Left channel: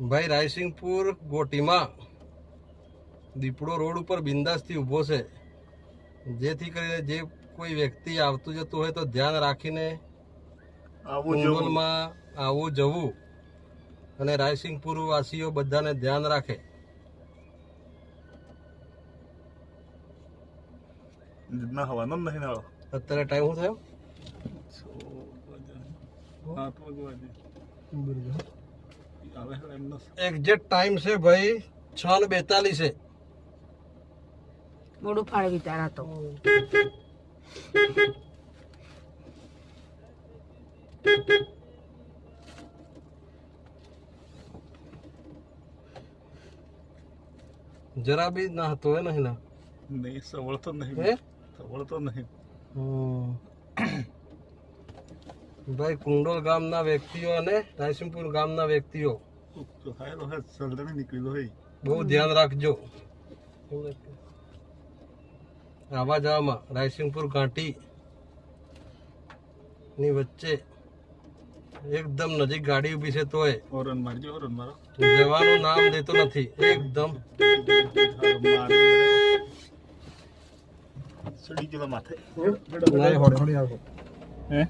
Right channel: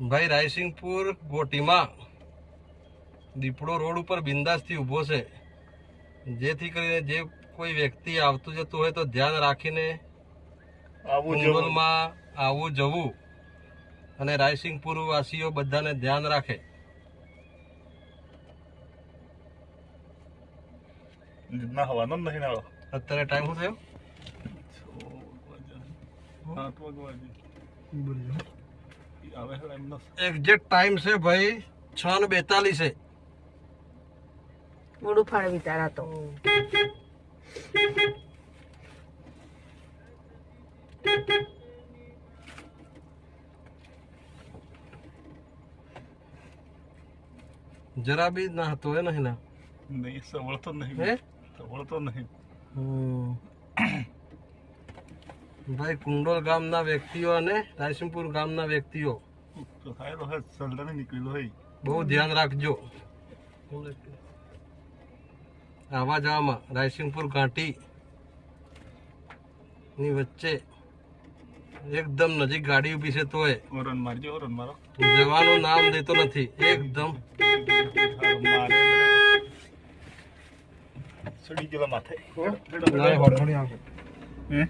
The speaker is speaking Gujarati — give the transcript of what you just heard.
ભાઈ રાયસિંગપુર ગોટીમાં દીપડો રોડ ઉપર બિંદાસથી ઊભો છે, જેથી કરીને જે કોઈ વ્યક્તિ આવતું જતું હોય તો ધ્યાન રાખીને કુંડલમાં આવવું જવું, અને રાયસિંગપુર વાસીઓ બધાને ધ્યાન રાખે. અત્યારે ટાઈમ શું થયો? એક્ઝેક્ટ ટાઈમ છે ભાઈ 6:42 છે. મોડું ફાળે વિચારા તો જરા બી ના હતો હે નહીં ના નહીં સવળતો નહીં હે સવળતો નહીં. ભાઈ કુંડોલ ગામના વ્યક્તિઓ અને રાયસિંગપુર ગામના વ્યક્તિઓ નીકળેલો હોય બહુ ધ્યાન રાખજો. આવા જવામાં રાયસિંગપુર ઘાટી ની વચ્ચે એકદમ નજીક ગાડી ઉભી છે તોય ઓરન મારજો, ઓરન મારો. જવાનું નામ દેતો નથી. એકદમ સડી ગયેલા માથે. હે